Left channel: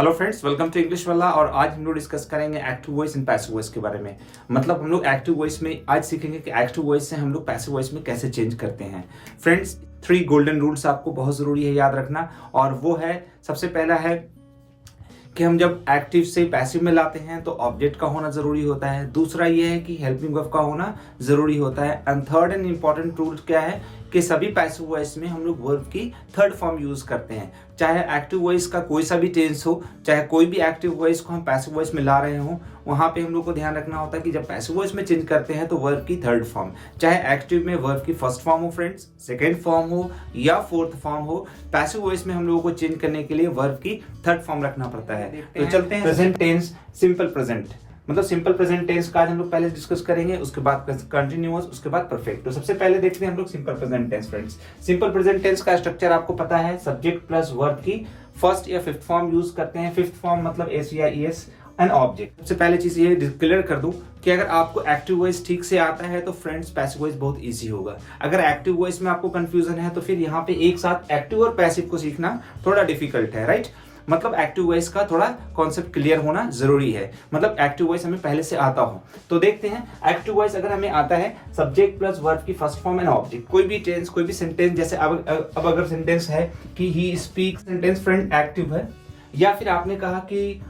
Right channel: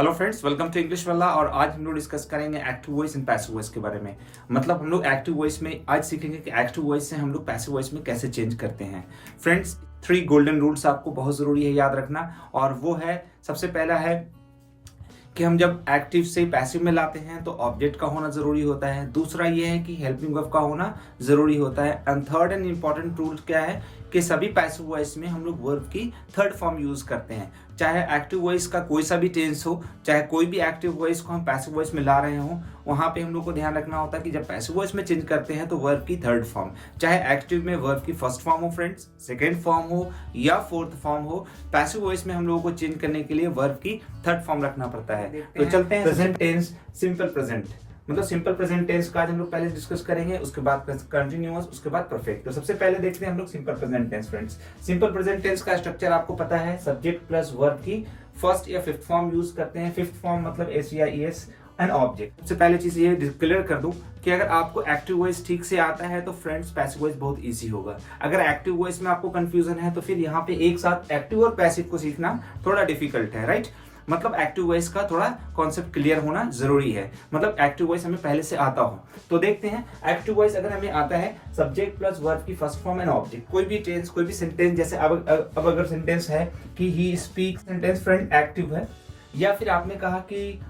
Hello friends, welcome to English वाला। और आज हम लोग डिस्कस करेंगे active voice and passive voice के बारे में। मतलब हम लोग एक्टिव वॉइस में आज सीखेंगे कि एक्टिव वॉइस से हम लोग पैसिव वॉइस में कैसे चेंज करते हैं। फ्रेंड्स, 3 गोल्डन रूल्स आपको बहुत ज़रूरी है याद रखना। और वो है, सबसे पहला है कि हम जब एक्टिव से पैसिव में लाते हैं तो ऑब्जेक्ट का होना ज़रूरी होता है। दूसरा ये है कि हेल्पिंग वर्ब का होना ज़रूरी होता है। And third and important rule क्या है कि सभी पैसिव वॉइस में हम लोग वर्ब की थर्ड फॉर्म यूज़ करते हैं। चाहे एक्टिव वॉइस का कोई सा भी टेंस हो, चाहे कोई भी एक्टिव वॉइस को हम पैसिव वॉइस में ला रहे हों, वहाँ पे हम लोग को ध्यान रखना होता है कि जब पैसिव वॉइस में चेंज करते हैं तो वर्ब की थर्ड फॉर्म, चाहे एक्टिव में वर्ब की फर्स्ट फॉर्म हो फ्रेंड्स, सेकेंड फॉर्म हो या फोर्थ फॉर्म हो, पैसिव वॉइस में हम लोगों को चेंज करने के लिए वर्ब की थर्ड फॉर्म रखना पड़ता है। तो चलते हैं प्रेजेंट टेंस, सिंपल प्रेजेंट। मतलब सिंपल प्रेजेंट टेंस का आज हम लोग पहले डिस्कस करेंगे, उसके बाद कंटिन्यूअस, उसके बाद परफेक्ट। तो सबसे पहले देखते हैं हम लोग simple present tense. Friends, simple present tense का स्ट्रक्चर आपको पता है, सब्जेक्ट प्लस वर्ब की फर्स्ट या फिफ्थ फॉर्म यूज करते हैं। फिफ्थ फॉर्म मतलब एस या ईएस एंड ऑब्जेक्ट। सबसे पहले चीज ये क्लियर कर दूं कि अगर आपको एक्टिव वॉइस ठीक से आता है तो फ्रेंड्स पैसिव वॉइस बहुत इजी होगा। अगर एक्टिव वॉइस में आपको कंफ्यूजन है तो फिर यहाँ पे एक साथ एक्टिव और पैसिव को सीखना थोड़ा डिफिकल्ट है, राइट। मतलब एक्टिव वॉइस का थोड़ा कॉन्सेप्ट क्लियर होना जरूरी है, मतलब एक्टिव वॉइस हमें पहले से आता हो। तो देखते हैं एक्टिव वॉइस अगर हमें आता है सब्जेक्ट प्लस वर्ब की फर्स्ट फॉर्म एंड ऑब्जेक्ट। कोई भी टेंस, कोई भी सेंटेंस, जैसे अब अगर सेंटेंस है कि he speaks, sentence friend active है। या फिर आपने कहा कि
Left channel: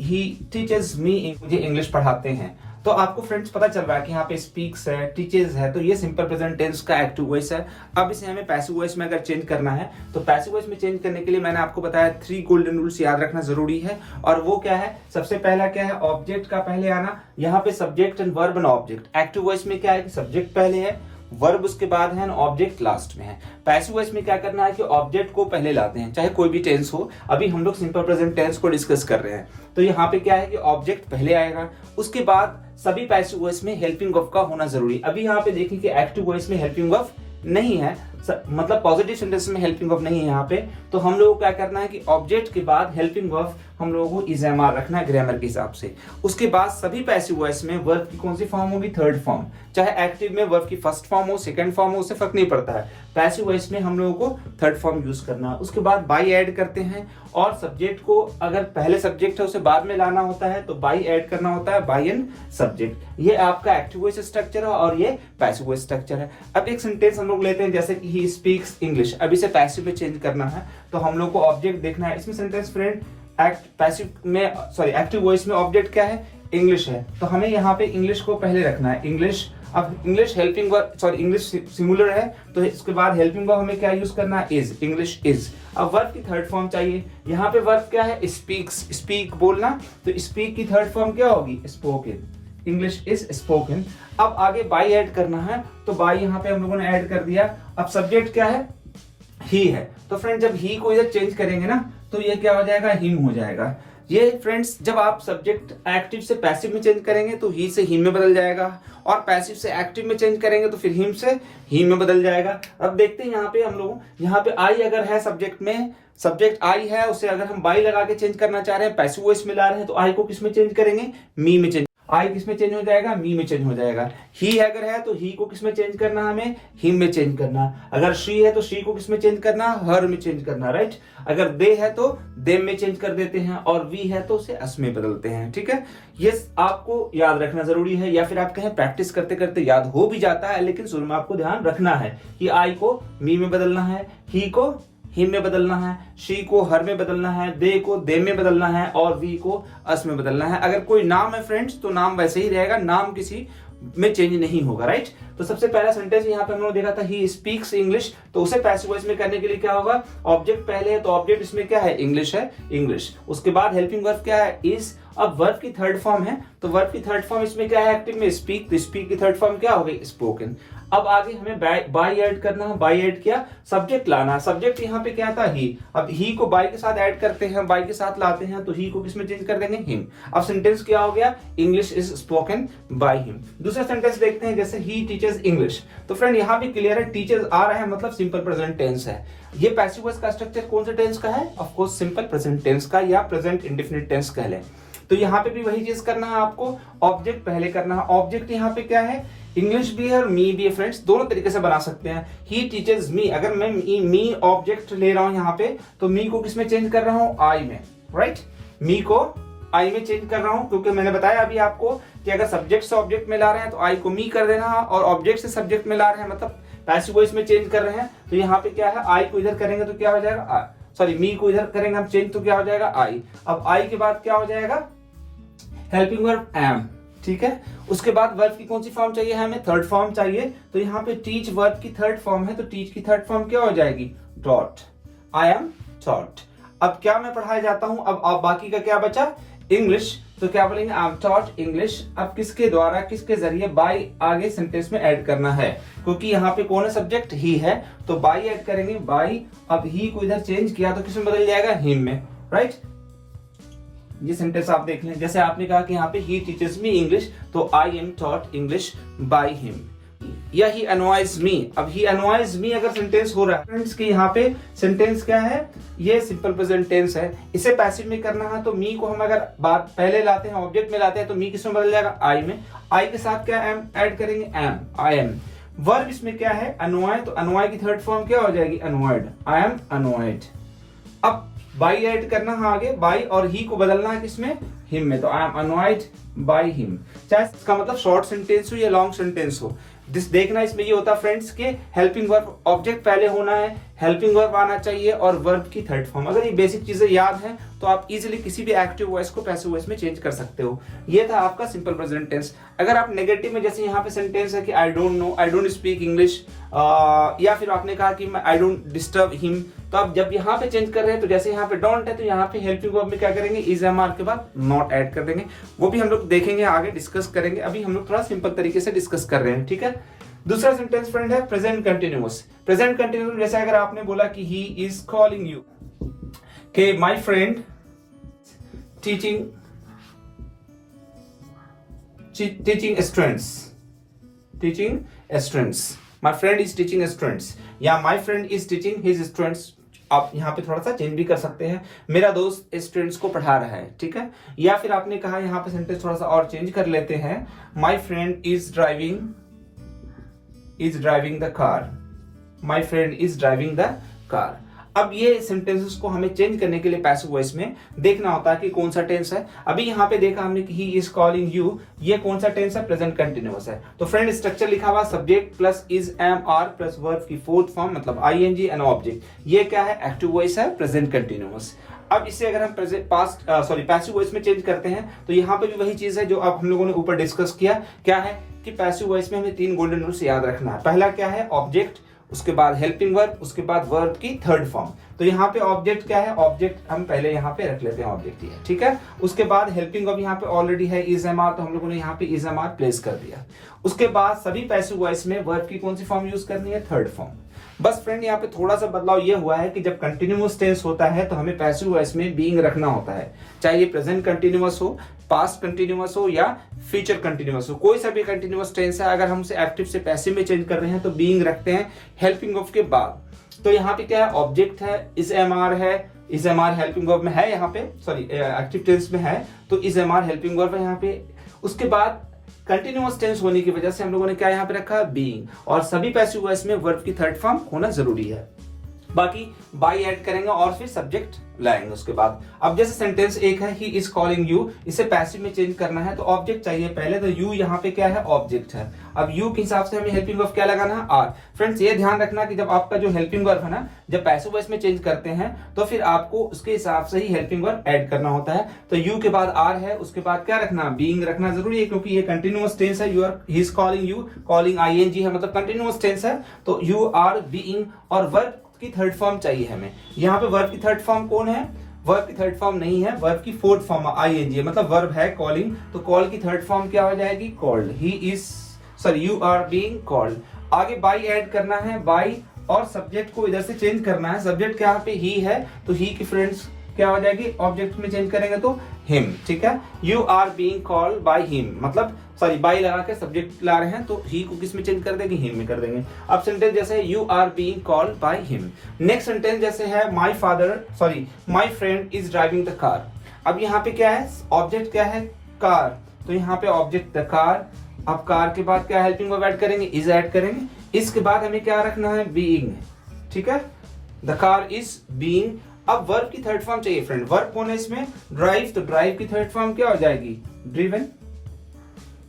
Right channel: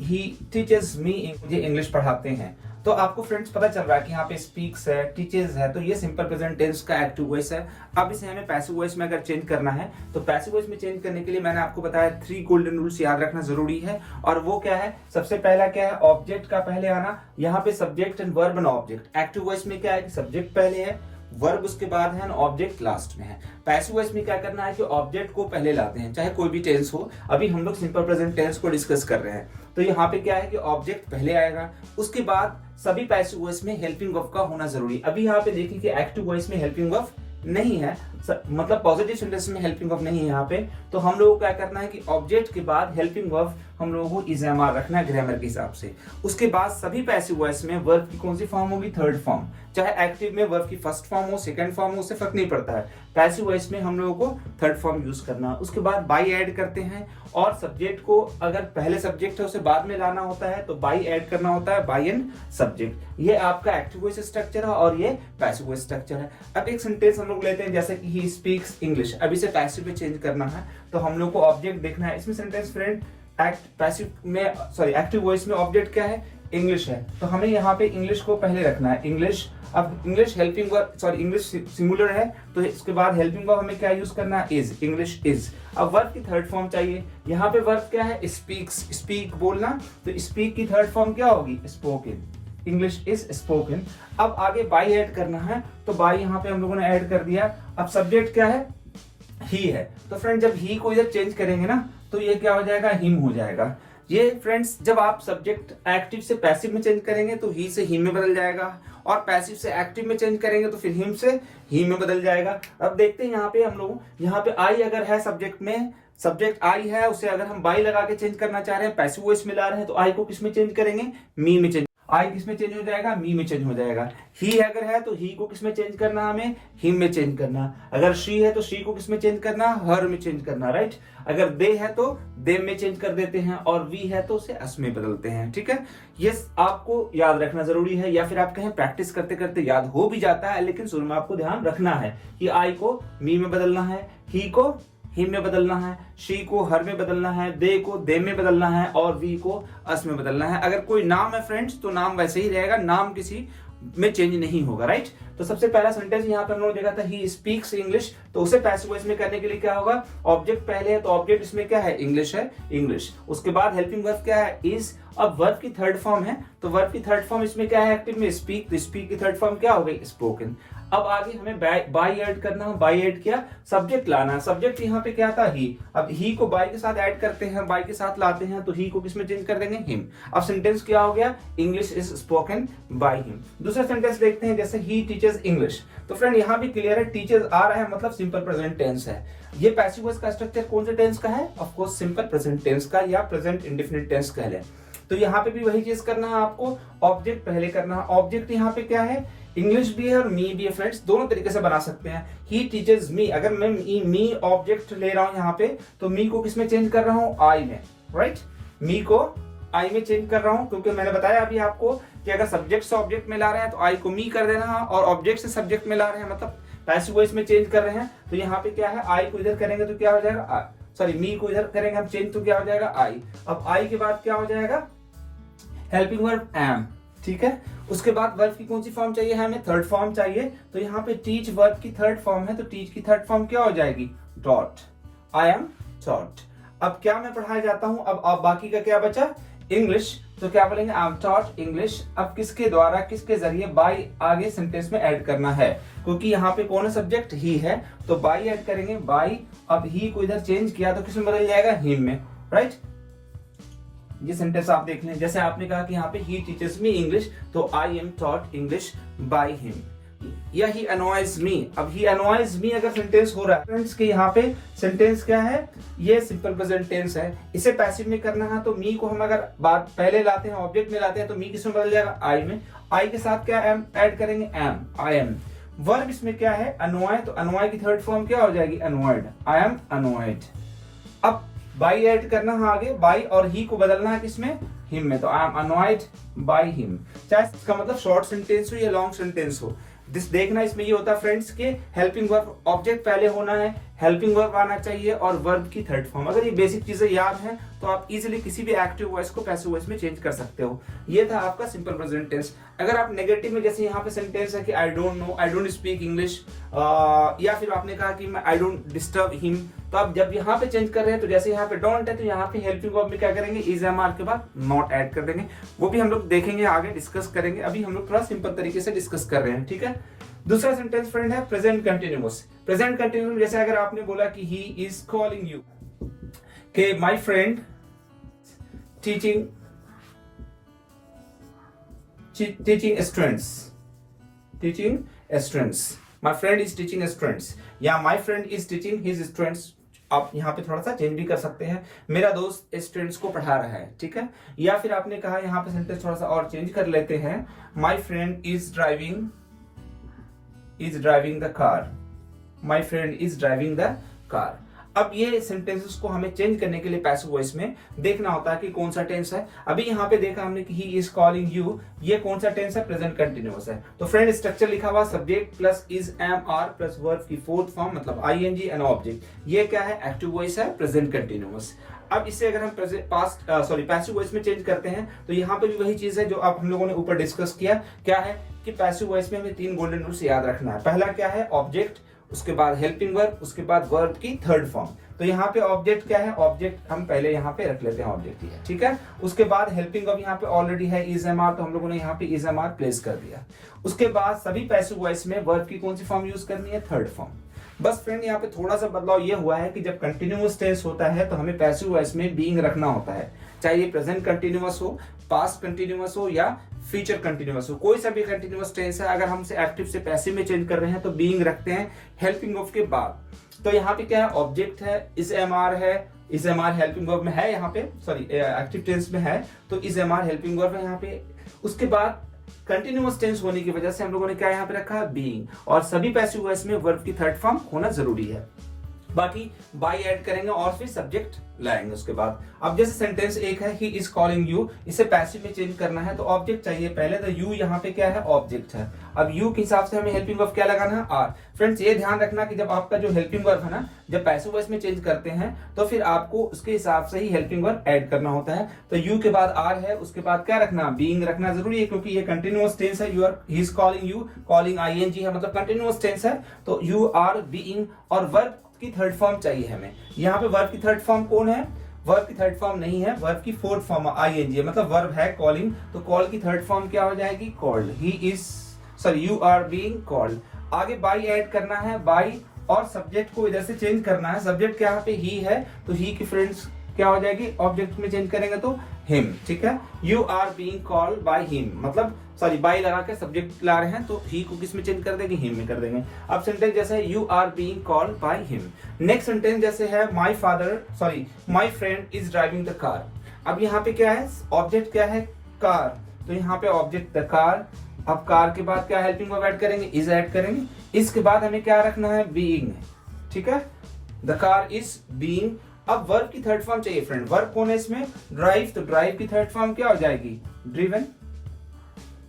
ही टीचर्स मी, मुझे इंग्लिश पढ़ाते हैं, तो आपको फ्रेंड्स पता चल रहा है कि यहाँ पे स्पीक्स है, टीचर्स है, तो ये सिंपल प्रेजेंट टेंस का एक्टिव वॉइस है। अब इसे हमें पैसिव वॉइस में अगर चेंज करना है तो पैसिव वॉइस में चेंज करने के लिए मैंने आपको बताया 3 गोल्डन रूल्स याद रखना जरूरी है। और वो क्या है, सबसे पहला क्या है, ऑब्जेक्ट का पहले आना। यहाँ पे subject and verb and object. Active voice में क्या है कि सब्जेक्ट पहले है, वर्ब उसके बाद है, ऑब्जेक्ट लास्ट में है। पैसिव वॉइस में क्या करना है कि ऑब्जेक्ट को पहले लाते हैं, चाहे कोई भी टेंस हो। अभी हम लोग सिंपल प्रेजेंट टेंस को डिस्कस कर रहे हैं, तो यहाँ पे क्या है कि ऑब्जेक्ट पहले आएगा, उसके बाद सभी पैसिव वॉइस में हेल्पिंग वर्ब का होना जरूरी। अभी यहाँ पे देखिए कि एक्टिव वॉइस में हेल्पिंग वर्ब नहीं है, मतलब पॉजिटिव सेंटेंस में हेल्पिंग वर्ब नहीं है यहाँ पे। तो हम लोगों को क्या करना है कि ऑब्जेक्ट के बाद हेल्पिंग वर्ब हम लोगों को इज़ामार रखना है ग्रामर के हिसाब से। उसके बाद सभी पैसिव वॉइस में वर्ब की कौन सी फॉर्म होगी, थर्ड फॉर्म। चाहे एक्टिव में वर्ब की फर्स्ट फॉर्म हो, सेकंड फॉर्म हो, उससे फर्क नहीं पड़ता है। पैसिव वॉइस में हम लोगों को थर्ड फॉर्म यूज करना है। उसके बाद बाई ऐड करते हैं, और सब्जेक्ट को अगर पहले सब्जेक्ट है उसे बाद में लाना होता है तो बाई ऐड करना होता है, बाई एंड सब्जेक्ट। ये आपका एक्टिव वॉइस स्ट्रक्चर है और ये पैसिव वॉइस स्ट्रक्चर है। अब एक सेंटेंस हम लोग लेते हैं जैसे कि ही स्पीक्स इंग्लिश। अब इसे पैसिव में चेंज करना है तो हम लोग को ऑब्जेक्ट देखना है। इसमें सेंटेंस फ्रेंड एक्टिव वॉइस में ऑब्जेक्ट क्या है, इंग्लिश है, तो हमें यहाँ पे इंग्लिश को पहले रखना है, इंग्लिश। अब English helping verb, English singular है, तो इसके बाद हेल्पिंग वर्ब हमें क्या यूज करना है, इज, इंग्लिश इज। अब वर्ब की थर्ड फॉर्म चाहिए, यहाँ पे वर्ब क्या है, स्पीक्स, स्पीक बोलना, तो स्पीक की थर्ड फॉर्म क्या होगी, स्पोकन, इंग्लिश इज स्पोकन। अब आगे बाई ऐड करना है, तो बाई यहाँ पे हम लोगों ने ऐड कर दिया। अब सब्जेक्ट क्या है, ही है, तो फ्रेंड जब ही को इधर चेंज करेंगे ना तो ये क्या हो जाएगा, हिम हो जाएगा। ये फ्रेंड्स जब आप सब्जेक्ट एक्टिव से पैसिव में चेंज करेंगे तो ही से हिम में बदल जाएगा, और पैसिव से एक्टिव में चेंज करेंगे तो फिर हिम से ही में बदल जाएगा। अब देखते हैं यहाँ पे हम लोग, यहाँ पे आई अगर है सब्जेक्ट में, सब्जेक्ट आई है, उसे अगर हम बाई लगा के चेंज करना चाह रहे हैं, पैसिव वॉइस में ला रहे हैं, तो आई को किस में चेंज करेंगे, मी में चेंज। आई किस में चेंज हो जाएगा, मी में चेंज हो जाएगा। ही अगर है तो ही को किस में चेंज करना, हमें हिम में चेंज करना। अगर शी है तो शी को किस में चेंज करना, हर में चेंज करना, राइट। अगर दे है तो देम में चेंज कर देते हैं, और वी है तो उसे अस में बदलते हैं, ठीक है। ये आपको याद रखना जरूरी है, या फिर आप कहें प्रैक्टिस करते करते याद हो भी जाता है, लेकिन शुरू में आपको ध्यान रखना है कि आई को मी में बदलना है, ही को हिम में बदलना है, शी को हर में बदलना है, दे को दे में बदलना है, और वी को अस में बदलना है। अगर कोई नाम है फ्रेंड्स तो नाम वैसे ही रहेगा, नाम किसी में चेंज नहीं होगा, राइट। तो सबसे पहला सेंटेंस यहाँ पे हम लोगों ने देखा था, ही स्पीक्स इंग्लिश, तो उसे पैसिव वॉइस में करने के लिए क्या होगा, ऑब्जेक्ट पहले है तो ऑब्जेक्ट इसमें क्या है, इंग्लिश है, इंग्लिश। उसके बाद हेल्पिंग वर्ब क्या है, इज। अब वर्ब की थर्ड फॉर्म है, तो वर्ब की थर्ड फॉर्म इसमें क्या है, एक्टिव में स्पीक, तो स्पीक की थर्ड फॉर्म क्या हो गई, स्पोकन। अब आगे हमें बाई ऐड करना है, बाई ऐड किया, सब्जेक्ट लाना है, सब्जेक्ट यहाँ पे क्या था, ही। अब ही को बाई के साथ ऐड करते हैं, बाई के साथ लाते हैं, तो ही को किसमें चेंज कर देंगे, हिम। अब सेंटेंस क्या हो गया, English is spoken by him. दूसरा सेंटेंस देखते हैं जैसे ही टीचर्स इंग्लिश, तो फ्रेंड यहाँ भी क्लियर है, टीचर्स आ रहा है मतलब सिंपल प्रेजेंट टेंस है। ये पैसिव वॉइस का स्ट्रक्चर कौन से टेंस का है, of course simple present tense का, या प्रेजेंट इंडेफिनिट टेंस कह लें। तो यहाँ पे भी वही चीज करना है आपको, ऑब्जेक्ट पहले करना है। ऑब्जेक्ट यहाँ पे क्या है, इंग्लिश भी है और मी भी है फ्रेंड्स, दोनों तरीके से बना सकते हैं। ही टीचर्स मी, अगर मैं मी ऑब्जेक्ट ले रहा हूं यहाँ पे, तो मी को किस में चेंज कर रहा हूँ, आई में, राइट। मी को आई में चेंज कर रहा हूं, क्योंकि मैंने बताया अभी आपको कि अगर सब्जेक्ट से ऑब्जेक्ट में ला रहे हैं तो आई को मी कर देना, और ऑब्जेक्ट से सब्जेक्ट में ला रहे हैं मतलब पैसिव वॉइस में चेंज कर रहे हैं, तो यहाँ पे क्या है, आई को इधर करेंगे तो क्या हो जाएगा, सॉरी मी को इधर करेंगे हम चेंज तो क्या हो जाएगा, आई। अब आई के बाद क्या हो जाएगा, हेल्पिंग वर्ब एम, ठीक है। उसके बाद वर्ब की कौन सी फॉर्म चाहिए हमें, थर्ड फॉर्म चाहिए। तो यहाँ पे टीच वर्ब की थर्ड फॉर्म है, तो टीच की थर्ड फॉर्म क्या हो जाएगी, टॉट, आई एम टॉट। अब क्या मैं पढ़ाया जाता हूं, अब बाकी का क्या बचा, इंग्लिश, तो क्या बोलेंगे, आई एम टॉट इंग्लिश। अब किसके द्वारा, किसके जरिए, बाय आगे सेंटेंस में ऐड करना है, क्योंकि यहाँ पे कौन है, सब्जेक्ट ही है, तो बाय ऐड करेंगे, बाय। अब ही को इधर चेंज किया तो किसमें बदल जाएगा, हिम में, राइट। ये सेंटेंस आप देख लें, जैसे आपने कहा कि यहाँ पे ही टीचर्स मी इंग्लिश, तो I am taught English by him, या ही अनवाइज मी। अब ही अनवाइज मी अगर सेंटेंस हो रहा है फ्रेंड्स के, यहाँ पे सेंटेंस क्या है, ये सिंपल प्रेजेंट टेंस है, इसे पैसिव में करना है, तो मी को हम अगर बात पहले लाते हैं, ऑब्जेक्ट में लाते हैं, तो मी किसमें बदल जाएगा, आई में। आई के साथ क्या एम ऐड करेंगे, एम, आई एम। वर्ब इसमें क्या है, अनवाय, तो अनवाय की थर्ड फॉर्म क्या हो जाएगी, अनवायड, आई एम अनवायड। अब बाई ऐड करना है आगे, बाई, और ही को बदलना है किसमें, हिम में, तो आई एम अनवाइड बाय हिम। चाहे इसका मतलब शॉर्ट सेंटेंस हो या लॉन्ग सेंटेंस हो, देखना इसमें ये होता है फ्रेंड्स के हेल्पिंग वर्ब ऑब्जेक्ट पहले होना है, हेल्पिंग वर्ब आना चाहिए, और वर्ब की थर्ड फॉर्म। अगर ये बेसिक चीजें याद हैं तो आप इजीली किसी भी एक्टिव वॉइस को पैसिव वॉइस में चेंज कर सकते हो। ये था आपका सिंपल प्रेजेंट टेंस। अगर आप नेगेटिव में, जैसे यहाँ पे सेंटेंस है कि I don't know, I don't speak English, या फिर आपने कहा कि आई डोंट डिस्टर्ब हिम, तो आप जब यहाँ पे चेंज कर रहे हैं, तो जैसे यहाँ पे डोंट है, तो यहाँ पे हेल्पिंग वर्ब में क्या करेंगे, इज एम आर के बाद नॉट ऐड कर देंगे। वो भी हम लोग देखेंगे, आगे डिस्कस करेंगे, अभी हम लोग थोड़ा सिंपल तरीके से डिस्कस कर रहे हैं, ठीक है। दूसरा सेंटेंस फ्रेंड है प्रेजेंट कंटिन्यूअस। प्रेजेंट कंटिन्यूअस जैसे अगर आपने बोला कि ही इज कॉलिंग यू, के my friend teaching students, my friend is teaching students, या my friend is teaching his students. आप यहाँ पे थोड़ा सा चेंज भी कर सकते हैं, मेरा दोस्त स्टूडेंट्स को पढ़ा रहा है, ठीक है। या फिर आपने कहा, यहाँ पे सेंटेंस थोड़ा सा और चेंज कर लेते हैं, my friend is driving the car, my friend is driving the car. अब ये सेंटेंसेस को हमें चेंज करने के लिए पैसिव वॉइस में देखना होता है कि कौन सा टेंस है। अभी यहाँ पे देखा हमने कि ही इज कॉलिंग यू, ये कौन सा टेंस है, प्रेजेंट कंटिन्यूअस है। तो फ्रेंड स्ट्रक्चर लिखा हुआ subject plus is am are plus verb की फोर्थ फॉर्म मतलब I N G and object, ये क्या है, एक्टिव वॉइस है, प्रेजेंट कंटिन्यूअस। अब इसे अगर हम पैसिव वॉइस में चेंज करते हैं, तो यहाँ पे भी वही चीज है जो अब हम लोगों ने ऊपर डिस्कस किया। क्या है कि पैसिव वॉइस में हमें 3 गोल्डन रूल्स याद रखना है। पहला क्या है, ऑब्जेक्ट, उसके बाद हेल्पिंग वर्ब, उसके बाद वर्ब की थर्ड फॉर्म। तो यहाँ पे ऑब्जेक्ट क्या है, ऑब्जेक्ट हम पहले यहाँ पे रख लेते हैं, ऑब्जेक्ट ही है, ठीक है। उसके बाद हेल्पिंग वर्ब यहाँ पे ऑलरेडी है इज एम आर, तो हम लोगों ने यहाँ पे इज एम आर प्लेस कर दिया। उसके बाद सभी पैसिव वॉइस में वर्ब की कौन सी फॉर्म यूज करनी है, थर्ड फॉर्म। बस फ्रेंड यहाँ पे थोड़ा सा बदलाव ये हुआ है कि जब कंटिन्यूअस टेंस होता है तो हमें पैसिव वॉइस में बीइंग रखना होता है, चाहे ये प्रेजेंट कंटिन्यूअस हो, पास्ट कंटिन्यूअस हो या फ्यूचर कंटिन्यूअस हो, कोई सा भी कंटिन्यूअस टेंस है, अगर हम उसे एक्टिव से पैसिव में चेंज कर रहे हैं तो बीइंग रखते हैं हेल्पिंग वर्ब के बाद। तो यहाँ पे क्या है, ऑब्जेक्ट है, इज एम आर है, is am are helping verb में है, यहाँ पे सॉरी एक्टिव टेंस में है, तो is am are helping verb है यहाँ पे। उसके बाद कंटिन्यूअस टेंस होने की वजह से हम लोगों ने क्या यहाँ पे रखा, बीइंग, और सभी पैसिव वॉइस में वर्ब की थर्ड फॉर्म होना जरूरी है। बाकी बाय ऐड करेंगे और फिर सब्जेक्ट लाएंगे उसके बाद। अब जैसे सेंटेंस एक है, ही इज कॉलिंग यू, इसे पैसिव में चेंज करना है तो ऑब्जेक्ट चाहिए पहले, तो यू यहाँ पे क्या है, ऑब्जेक्ट है। अब यू के हिसाब से हमें हेल्पिंग वर्ब क्या लगाना है, आर। फ्रेंड्स ये ध्यान रखना कि जब आपका जो हेल्पिंग वर्ब है ना, जब पैसिव वॉइस में चेंज करते हैं तो फिर आपको उसके हिसाब से ही हेल्पिंग वर्ब ऐड करना होता है। तो यू के बाद आर है, उसके बाद क्या रखना, बीइंग रखना जरूरी है, क्योंकि ये कंटिन्यूअस टेंस है। He is calling you, calling ING है, मतलब कंटिन्यूअस टेंस है, तो यू आर बीइंग, और वर्ब की थर्ड फॉर्म चाहिए हमें। यहाँ पे वर्ब की थर्ड फॉर्म कौन है, वर्ब की थर्ड फॉर्म नहीं है, वर्ब की फोर्थ फॉर्म आईएनजी है, मतलब वर्ब है कॉलिंग, तो कॉल की थर्ड फॉर्म क्या हो जाएगी, called. He is sorry you are being called. आगे बाय ऐड करना है, बाय, और सब्जेक्ट को इधर से चेंज करना है। सब्जेक्ट यहाँ पे ही है, तो ही की फ्रेंड्स क्या हो जाएगी, ऑब्जेक्ट में चेंज करेंगे तो हिम, ठीक है। You are being called by him, मतलब सॉरी बाय लगा के सब्जेक्ट ला रहे हैं तो ही को किस में चेंज कर देंगे, हिम में कर देंगे। अब सेंटेंस जैसे है, you are being called by him. Next sentence जैसे है, my friend is driving the car. अब यहाँ पे क्या है, ऑब्जेक्ट क्या है, कार, तो यहाँ पे ऑब्जेक्ट द कार, अब कार के बाद क्या हेल्पिंग वर्ब ऐड करेंगे, इज ऐड करेंगे। इसके बाद हमें क्या रखना है, बीइंग, ठीक है, द कार इज बीइंग। अब वर्ब की थर्ड फॉर्म चाहिए फ्रेंड, वर्ब कौन है इसमें, ड्राइव, तो ड्राइव की थर्ड फॉर्म क्या हो जाएगी, driven,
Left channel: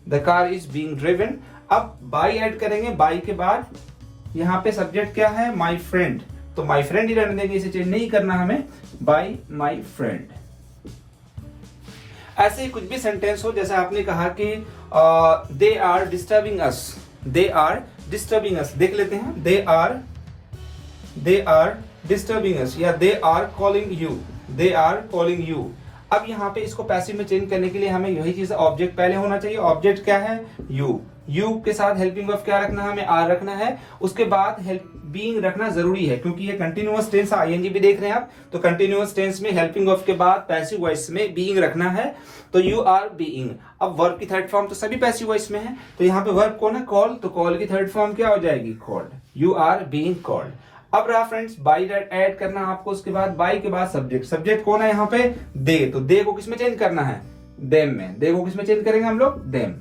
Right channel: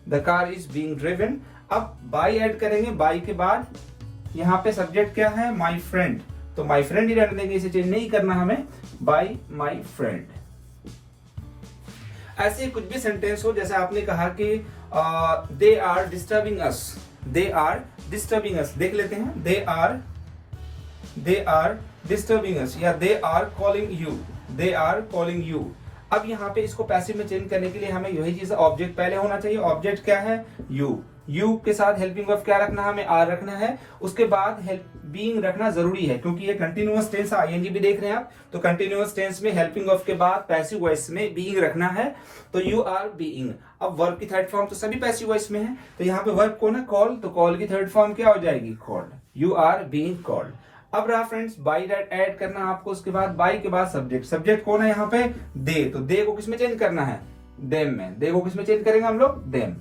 the car is being driven. अब बाय ऐड करेंगे, बाय के बाद यहाँ पे सब्जेक्ट क्या है, माय फ्रेंड, तो माय फ्रेंड ही रहने देंगे, इसे चेंज नहीं करना हमें, बाय माय फ्रेंड। ऐसे ही कुछ भी सेंटेंस हो, जैसे आपने कहा कि they are disturbing us, they are disturbing us, देख लेते हैं, दे आर डिस्टर्बिंग अस, या they are calling you, they are calling you. अब यहाँ पे इसको पैसिव में चेंज करने के लिए हमें यही चीज, ऑब्जेक्ट पहले होना चाहिए, ऑब्जेक्ट क्या है, यू, यू के साथ हेल्पिंग वर्ब क्या रखना है, हमें आर रखना है। उसके बाद हेल्प बीइंग रखना जरूरी है, क्योंकि ये कंटिन्यूअस टेंस, आईएनजी भी देख रहे हैं आप, तो कंटिन्यूअस टेंस में हेल्पिंग वर्ब के बाद पैसिव वॉइस में बीइंग रखना है, तो यू आर बीइंग। अब वर्ब की थर्ड फॉर्म तो सभी पैसिव वॉइस में है, तो यहाँ पे वर्ब कौन है, कॉल, तो कॉल की थर्ड फॉर्म क्या हो जाएगी, called, you are being called. अब रहा फ्रेंड्स बाय ऐड करना आपको, उसके बाद बाय के बाद सब्जेक्ट, सब्जेक्ट कौन है यहाँ पे, दे, तो दे को किसमें चेंज करना है, देम में, दे को किसमें चेंज करेंगे हम लोग, देम।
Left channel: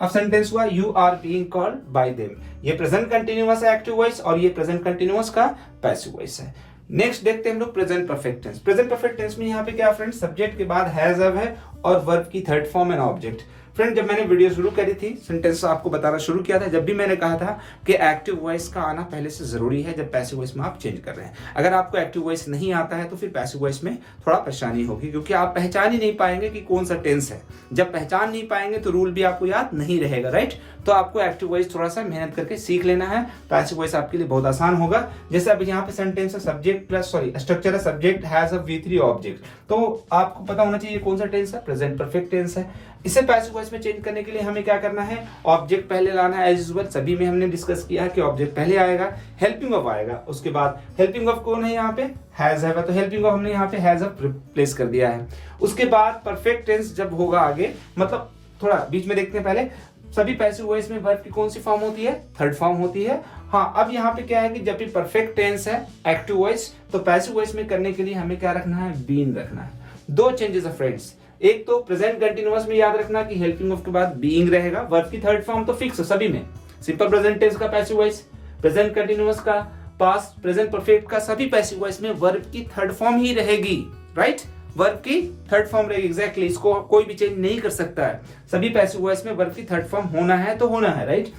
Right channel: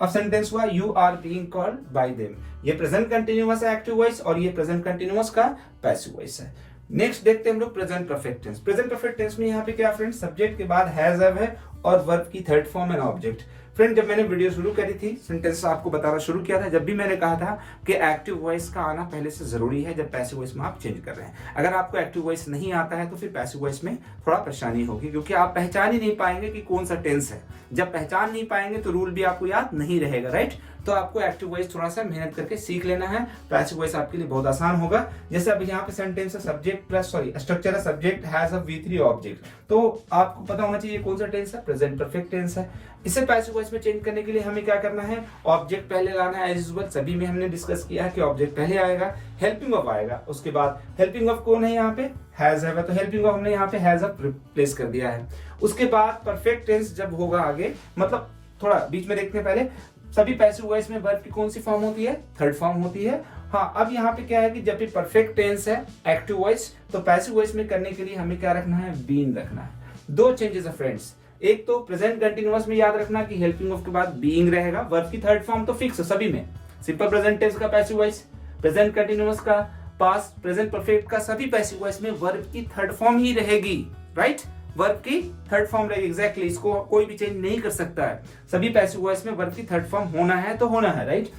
अब सेंटेंस हुआ you are being called by them, ये प्रेजेंट कंटिन्यूअस है एक्टिव वॉइस, और ये प्रेजेंट कंटिन्यूअस का पैसिव वॉइस है। नेक्स्ट देखते हैं हम लोग present perfect tense. Present perfect tense में यहाँ पे क्या फ्रेंड्स, सब्जेक्ट के बाद हैज हैव है, और वर्ब की third form and object. Friend जब मैंने वीडियो शुरू करी थी, सेंटेंस आपको बताना शुरू किया था, जब भी मैंने कहा था कि एक्टिव वॉइस का आना पहले से जरूरी है जब पैसिव वॉइस में आप चेंज कर रहे हैं। अगर आपको एक्टिव वॉइस नहीं आता है तो फिर पैसिव वॉइस में थोड़ा परेशानी होगी, क्योंकि आप पहचान ही नहीं पाएंगे कि कौन सा टेंस है। जब पहचान नहीं पाएंगे तो रूल भी आपको याद नहीं रहेगा, राइट। तो आपको एक्टिव वॉइस थोड़ा सा मेहनत करके सीख लेना है, पैसिव वॉइस आपके लिए बहुत आसान होगा। जैसे अब यहाँ पे सेंटेंस है, सब्जेक्ट प्लस स्ट्रक्चर है, subject has a V3 object, तो आपको पता होना चाहिए कौन सा टेंस है, प्रेजेंट परफेक्ट टेंस है। इसे पैसिव वॉइस में चेंज करने के लिए हमें क्या करना है, ऑब्जेक्ट पहले लाना है, एज यूजुअल सभी में हमने डिस्कस किया है कि ऑब्जेक्ट पहले आएगा, हेल्पिंग वर्ब आएगा, उसके बाद हेल्पिंग वर्ब कौन है यहाँ पे, हैज हैव, तो हेल्पिंग वर्ब हमने यहाँ पे हैज हैव रिप्लेस कर दिया है। उसके बाद परफेक्ट टेंस जब होगा आगे, मतलब थोड़ा बीच में देखते हैं, पहले सभी पैसिव वॉइस में वर्ब की कौन सी फॉर्म होती है, थर्ड फॉर्म होती है। हाँ, अब यहाँ पे क्या है कि जब भी परफेक्ट टेंस है एक्टिव वॉइस, तो पैसिव वॉइस में करने के लिए हमें क्या रखना है, बीइंग रखना है। दो चेंजेस है फ्रेंड्स, एक तो प्रेजेंट कंटिन्यूअस में याद रखना कि हेल्पिंग वर्ब के बाद बीइंग रहेगा, वर्ब की थर्ड फॉर्म तो फिक्स है सभी में, सिंपल प्रेजेंट टेंस का पैसिव वॉइस, प्रेजेंट कंटिन्यूअस का, पास्ट प्रेजेंट परफेक्ट का, सभी पैसिव वॉइस में वर्ब की थर्ड फॉर्म ही रहेगी, राइट, वर्ब की थर्ड फॉर्म रहेगी, एग्जैक्टली, इसको कोई भी चेंज नहीं कर सकता है। सभी पैसिव वॉइस में वर्ब की थर्ड फॉर्म होना है तो होना है, राइट।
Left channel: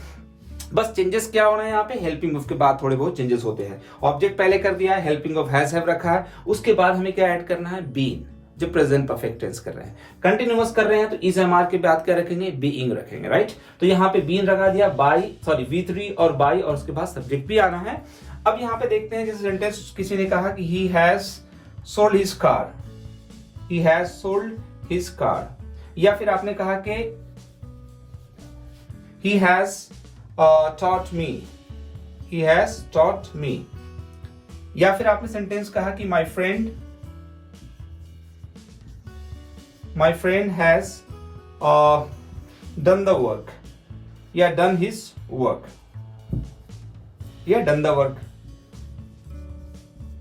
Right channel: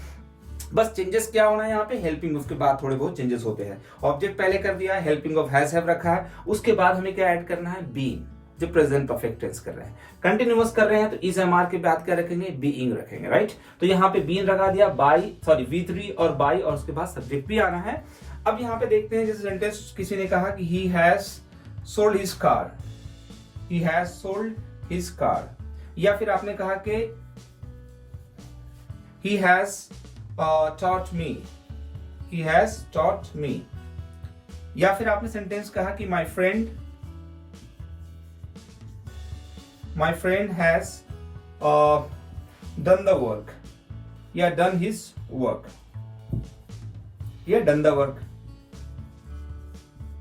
बस चेंजेस क्या होना है यहाँ पे, हेल्पिंग वर्ब के बाद थोड़े बहुत चेंजेस होते हैं। ऑब्जेक्ट पहले कर दिया है, हेल्पिंग वर्ब हैज हैव रखा है, उसके बाद हमें क्या ऐड करना है, बीइंग, जो प्रेजेंट परफेक्ट टेंस कर रहे हैं। कंटिन्यूअस कर रहे हैं तो इज एम आर के बाद क्या रखेंगे, बीइंग रखेंगे, राइट। तो यहाँ पे बीइंग लगा दिया, V3 और बाय, और उसके बाद सब्जेक्ट भी आना है। अब यहाँ पे देखते हैं, जैसे सेंटेंस किसी ने कहा कि he has sold his car, he has sold his car, या फिर आपने कहा कि he has taught me, he has taught me, या फिर आपने सेंटेंस कहा कि my friend has done the work, या done his work, या done the work।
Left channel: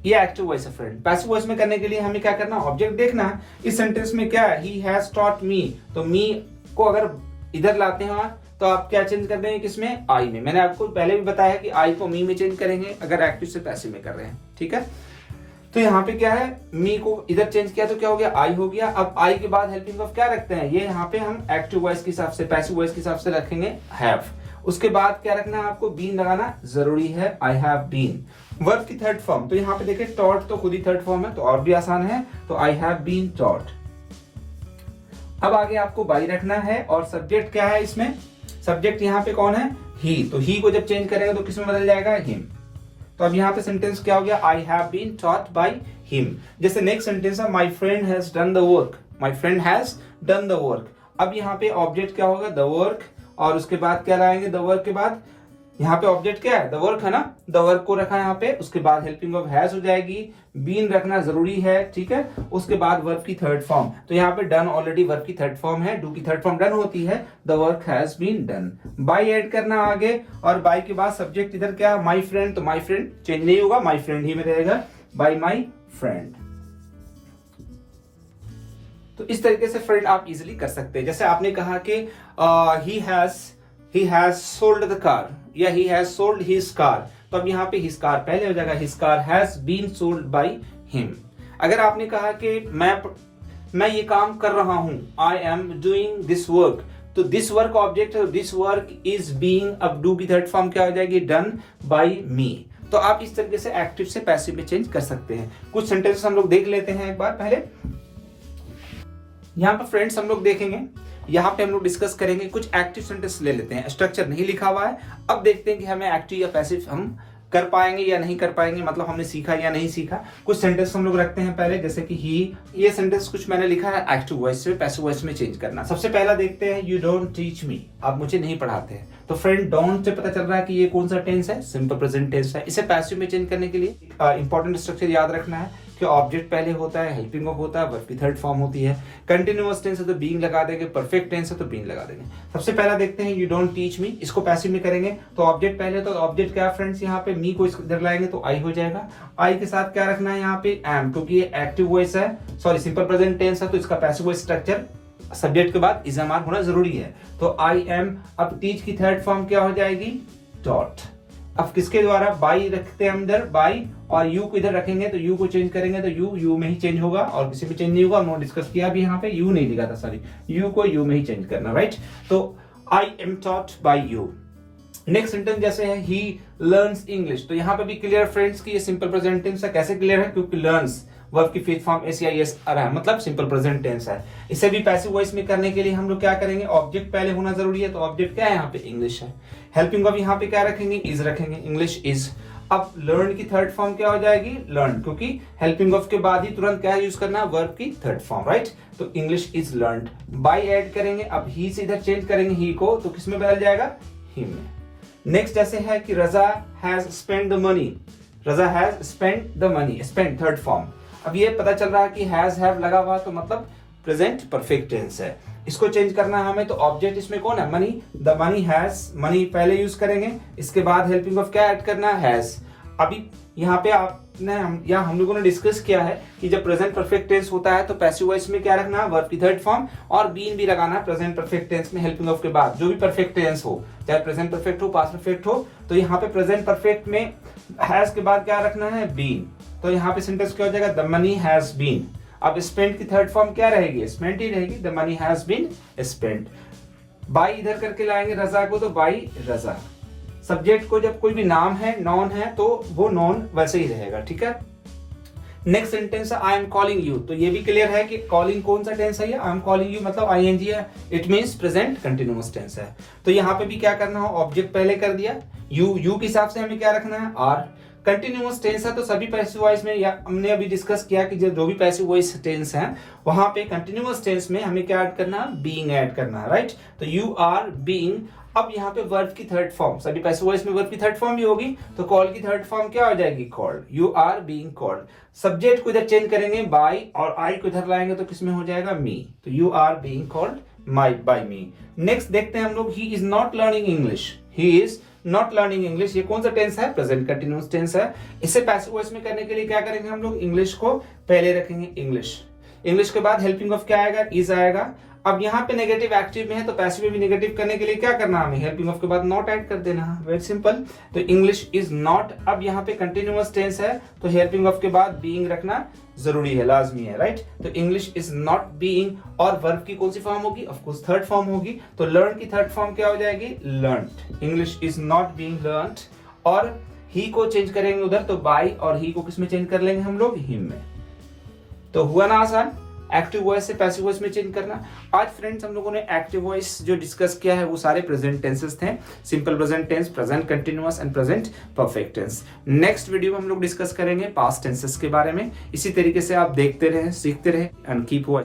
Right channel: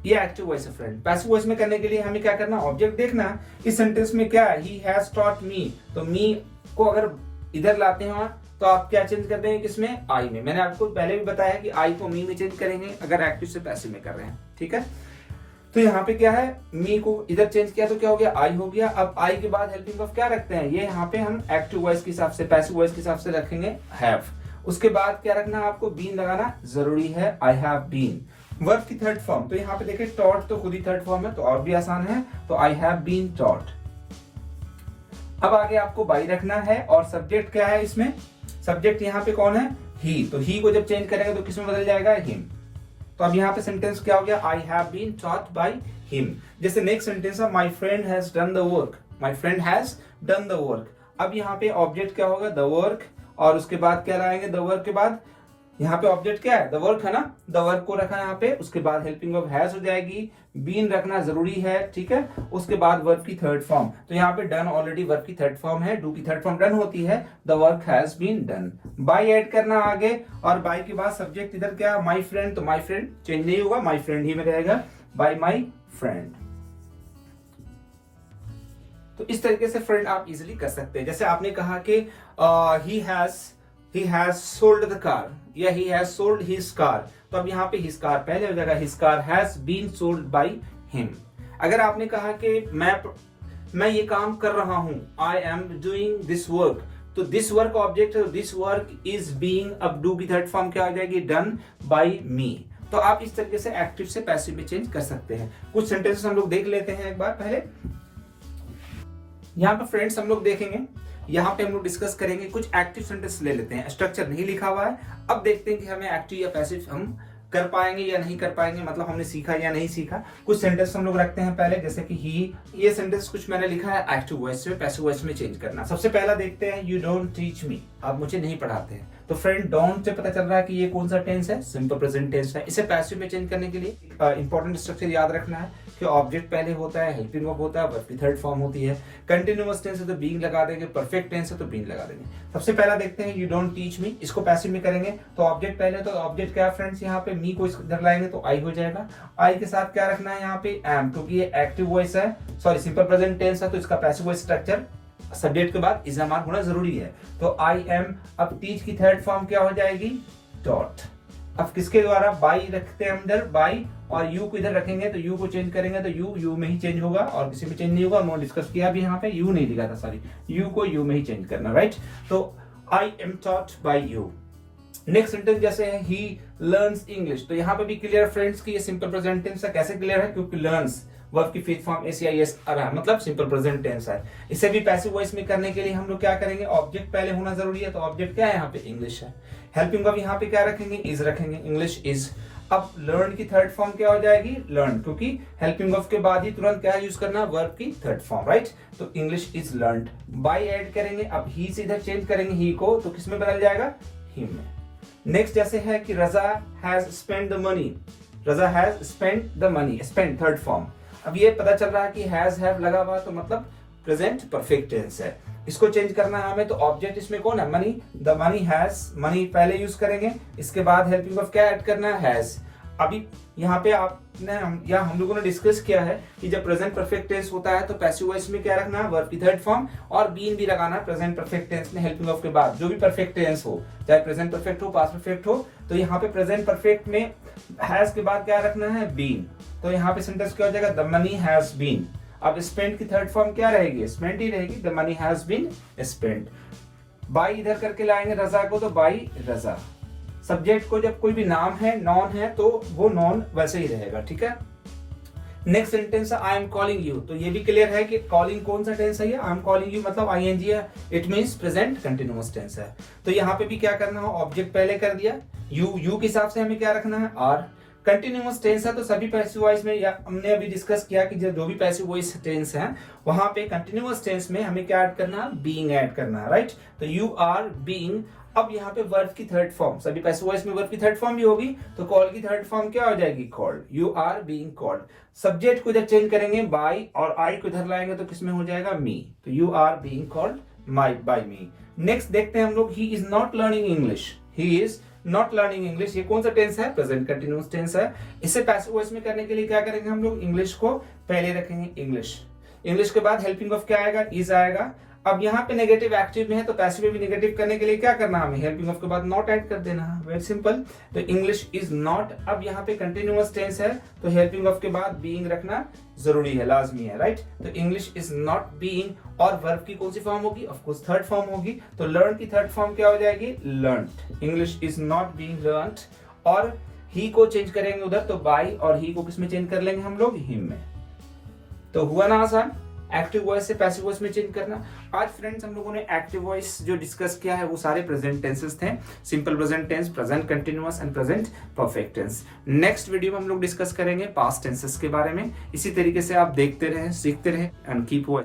ये एक्टिव वॉइस है फ्रेंड। पैसिव वॉइस में करने के लिए हमें क्या करना है, ऑब्जेक्ट देखना है। इस सेंटेंस में क्या है, ही हैज टॉट मी, तो मी को अगर इधर लाते हैं तो आप क्या चेंज कर देंगे, किसमें, आई में। मैंने आपको पहले भी बताया कि आई को मी में चेंज करेंगे अगर एक्टिव से पैसिव में कर रहे हैं, ठीक है। तो यहाँ पे क्या है, मी को इधर चेंज किया तो क्या हो गया, आई हो गया। अब आई के बाद हेल्पिंग वर्ब क्या रखते हैं, ये यहाँ पे हम एक्टिव वॉइस के हिसाब से, पैसिव वॉइस के हिसाब से रखेंगे हैव। उसके बाद क्या रखना है आपको, बीन लगाना जरूरी है, आई हैव बीन। वर्ब की थर्ड फॉर्म, तो यहाँ पे देखें टॉट तो खुद ही थर्ड फॉर्म है, तो और भी आसान है, तो आई हैव बीन टॉट। अब आगे आपको बाई रखना है, और सब्जेक्ट क्या है इसमें, सब्जेक्ट यहाँ पे कौन है, ही, तो ही को जब चेंज करेगा तो किसमें बदल जाएगा, हिम। तो अब यहाँ पे सेंटेंस क्या हो गया, I have been taught by him. जैसे नेक्स्ट सेंटेंस है, my friend has done the work, my friend has done the work. अब यहाँ पे ऑब्जेक्ट क्या होगा, द वर्क, और उसके बाद क्या लाएंगे, द वर्क के बाद यहाँ पे ऑब्जेक्ट क्या है, द वर्क है ना, द वर्क को रखा है यहाँ पे। उसके बाद हेल्पिंग वर्ब हैज हो जाएगी, बीन रखना जरूरी है, ठीक है। उसके बाद वर्ब की थर्ड फॉर्म, तो यहाँ पे डन ऑलरेडी वर्ब की थर्ड फॉर्म है, डू की थर्ड फॉर्म डन होती है, the work has been done. By add करना आगे, और बाय के बाद सब्जेक्ट इधर क्या, माय फ्रेंड, तो माय फ्रेंड चेंज नहीं होगा, माय फ्रेंड ही में रहेगा, बाय माय फ्रेंड। तो इस तरीके से फ्रेंड आप इजीली कर सकते हैं। जैसे आपने कहा कि he has sold the car या he has sold his car, तो अब यहाँ पे his car पहले हो जाएगा, his car has been sold by him। अगर आपने कहा कि मैं ये काम कर रहा हूं, I am doing this work, तो दिस वर्क ऑब्जेक्ट है, दिस वर्क इज बीइंग, अब डू की थर्ड फॉर्म क्या हो जाएगी, डन बाय मी। तो आप इस तरीके से एक्टिव से पैसिव में चेंज कर सकते हैं। कुछ सेंटेंसेस हम लोग देख लेते हैं एक बार पहले। यहाँ पे फ्रेंड्स हम लोग देखेंगे, यहाँ पे हम लोग डिस्कस करेंगे, कुछ एक्टिव सेंटेंस ले लेते हैं, स्ट्रक्चर नहीं लिखा हुआ है। अब देखते हैं कि हमें एक्टिव या पैसिव हम कर पाएंगे या नहीं कर पाएंगे, मतलब हमने सीखा या नहीं सीखा। कुछ सेंटेंस हम लोग रखते हैं पहले, जैसे कि ही, ये सेंटेंस कुछ मैंने लिखा है एक्टिव वॉइस से पैसिव वॉइस में चेंज करना। सबसे पहला देखते हैं, यू डोंट टीच मी, आप मुझे नहीं पढ़ाते हैं। तो फ्रेंड डोंट से पता चल रहा है कि ये कौन सा टेंस है, सिंपल प्रेजेंट टेंस है। इसे पैसिव में चेंज करने के लिए इंपॉर्टेंट स्ट्रक्चर याद रखना है कि ऑब्जेक्ट पहले होता है, हेल्पिंग वर्ब होता है, वर्ब की थर्ड फॉर्म होती है। कंटिन्यूअस टेंस है तो बीइंग लगा देंगे, परफेक्ट टेंस है तो बीइंग लगा देंगे। सबसे पहला देखते हैं, यू डोंट टीच मी, इसको पैसिव में करेंगे तो ऑब्जेक्ट पहले, तो ऑब्जेक्ट क्या है फ्रेंड्स, यहाँ पे मी को इधर लाएंगे तो आई हो जाएगा। आई के साथ क्या रखना है यहाँ पे, एम, क्योंकि ये एक्टिव वॉइस है, सॉरी सिंपल प्रेजेंट टेंस है, तो इसका पैसिव वॉइस स्ट्रक्चर सब्जेक्ट के बाद इज एम आर होना जरूरी है। तो आई एम, अब टीच की थर्ड फॉर्म क्या हो जाएगी, डॉट। अब किसके द्वारा, बाई रखते हैं अंदर, बाई, और यू को इधर रखेंगे तो यू को चेंज करेंगे तो यू में ही चेंज होगा और किसी में चेंज नहीं होगा। उन्होंने डिस्कस किया भी, यहाँ पे यू नहीं लिखा था, सॉरी, यू को यू में ही चेंज करना, राइट। तो I am taught by you. Next sentence जैसे है, ही लर्न्स इंग्लिश, तो यहाँ पे भी क्लियर फ्रेंड्स की ये सिंपल प्रेजेंट टेंस है। कैसे क्लियर है, क्योंकि लर्न्स वर्ब की फिफ्थ फॉर्म एस आ रहा है, मतलब सिंपल प्रेजेंट टेंस है। इसे भी पैसिव वॉइस में करने के लिए हम लोग क्या करेंगे, ऑब्जेक्ट पहले होना जरूरी है, तो ऑब्जेक्ट क्या है यहाँ पे, इंग्लिश है। हेल्पिंग वर्ब यहाँ पे क्या रखेंगे, इज रखेंगे, इंग्लिश इज। अब लर्न की थर्ड फॉर्म क्या हो जाएगी, लर्न, क्योंकि हेल्पिंग वर्ब के बाद ही तुरंत क्या यूज करना, वर्ब की थर्ड फॉर्म, राइट। तो English is learned. By add करेंगे, अब ही से इधर चेंज करेंगे ही को, तो किसमें बदल जाएगा, हिम में। नेक्स्ट जैसे है कि Raza has spend the money, Raza has spend the money, spend third form. अब ये पता चल रहा है कि हैज हैव लगा हुआ, तो मतलब प्रेजेंट परफेक्ट टेंस है। इसको चेंज करना है हमें, तो ऑब्जेक्ट इसमें कौन है, money, the money has, money पहले यूज करेंगे, इसके बाद हेल्पिंग वर्ब क्या ऐड करना है, हैज। अभी यहाँ पे आपने हम लोगों ने डिस्कस किया है कि जब प्रेजेंट परफेक्ट टेंस होता है तो पैसिव वॉइस में क्या रखना है, वर्ब की थर्ड फॉर्म, और बीन भी लगाना है प्रेजेंट परफेक्ट टेंस में हेल्पिंग वर्ब के बाद। जो भी परफेक्ट टेंस हो, चाहे प्रेजेंट परफेक्ट हो, पास्ट परफेक्ट हो, तो यहाँ पे प्रेजेंट परफेक्ट में हैज के बाद क्या रखना है, बीन। तो यहाँ पे सेंटेंस क्या हो जाएगा, द मनी हैज बीन। अब स्पेंट की थर्ड फॉर्म क्या रहेगी, स्पेंट ही रहेगी, the money has been spent. By इधर करके लाएंगे रजा को, तो बाई रजा। सब्जेक्ट को जब कोई भी नाम है, नॉन है, तो वो नॉन वैसे ही रहेगा, ठीक है। नेक्स्ट सेंटेंस है, आई एम कॉलिंग यू, तो ये भी क्लियर है कि कॉलिंग कौन सा टेंस है, ये आई एम कॉलिंग यू मतलब आईएनजी है, it means present continuous tense है। तो यहाँ पे भी क्या करना हो, ऑब्जेक्ट पहले कर दिया, यू के हिसाब से हमें क्या रखना है, आर। कंटिन्यूअस टेंस है तो सभी पैसिव वॉइस में, या हमने अभी डिस्कस किया कि जो भी पैसिव वॉइस टेंस है वहां पे कंटिन्यूअस टेंस में हमें क्या ऐड करना है, बीइंग ऐड करना है, राइट। तो यू आर बीइंग। अब यहाँ पे वर्ब की थर्ड फॉर्म, सभी पैसिव वॉइस में वर्ब की थर्ड फॉर्म भी होगी, तो कॉल की थर्ड फॉर्म क्या हो जाएगी, called, you are being called. Subject को इधर चेंज करेंगे बाय, और आई को इधर लाएंगे तो किसमें हो जाएगा, मी, तो you are being called by me. Next देखते हैं हम लोग, he is not learning English, he is not learning English, ये कौन सा टेंस है, प्रेजेंट कंटिन्यूअस टेंस है। इसे पैसिव वॉइस में करने के लिए क्या करेंगे हम लोग, इंग्लिश को पहले रखेंगे, इंग्लिश। इंग्लिश के बाद हेल्पिंग वर्ब क्या आएगा, इज आएगा। अब यहाँ पे नेगेटिव एक्टिव में है तो पैसिव में भी नेगेटिव करने के लिए क्या करना है हमें, हेल्पिंग वर्ब के बाद नॉट ऐड कर देना है, वेरी सिंपल। तो इंग्लिश इज नॉट। अब यहाँ पे कंटिन्यूअस टेंस है तो हेल्पिंग वर्ब के बाद बीइंग रखना जरूरी है, लाजमी है, राइट। तो इंग्लिश इज नॉट बीइंग, और वर्ब की कौन सी फॉर्म होगी, ऑफ कोर्स थर्ड फॉर्म होगी, तो लर्न की थर्ड फॉर्म क्या हो जाएगी, learned. English is not being learned, और ही को चेंज करेंगे उधर, तो बाय, और ही को किसमें चेंज कर लेंगे हम लोग, हिम में। तो हुआ ना आसान, एक्टिव वॉइस से पैसिव वॉइस में चेंज करना। आज फ्रेंड्स हम लोगों ने एक्टिव वॉइस जो डिस्कस किया है वो सारे प्रेजेंट टेंसेस थे, simple present tense, present continuous and present perfect tense. Next video में हम लोग डिस्कस करेंगे पास्ट टेंसेस के बारे में। इसी तरीके से आप देखते रहे, सीखते रहे, एंड कीप वॉचिंग।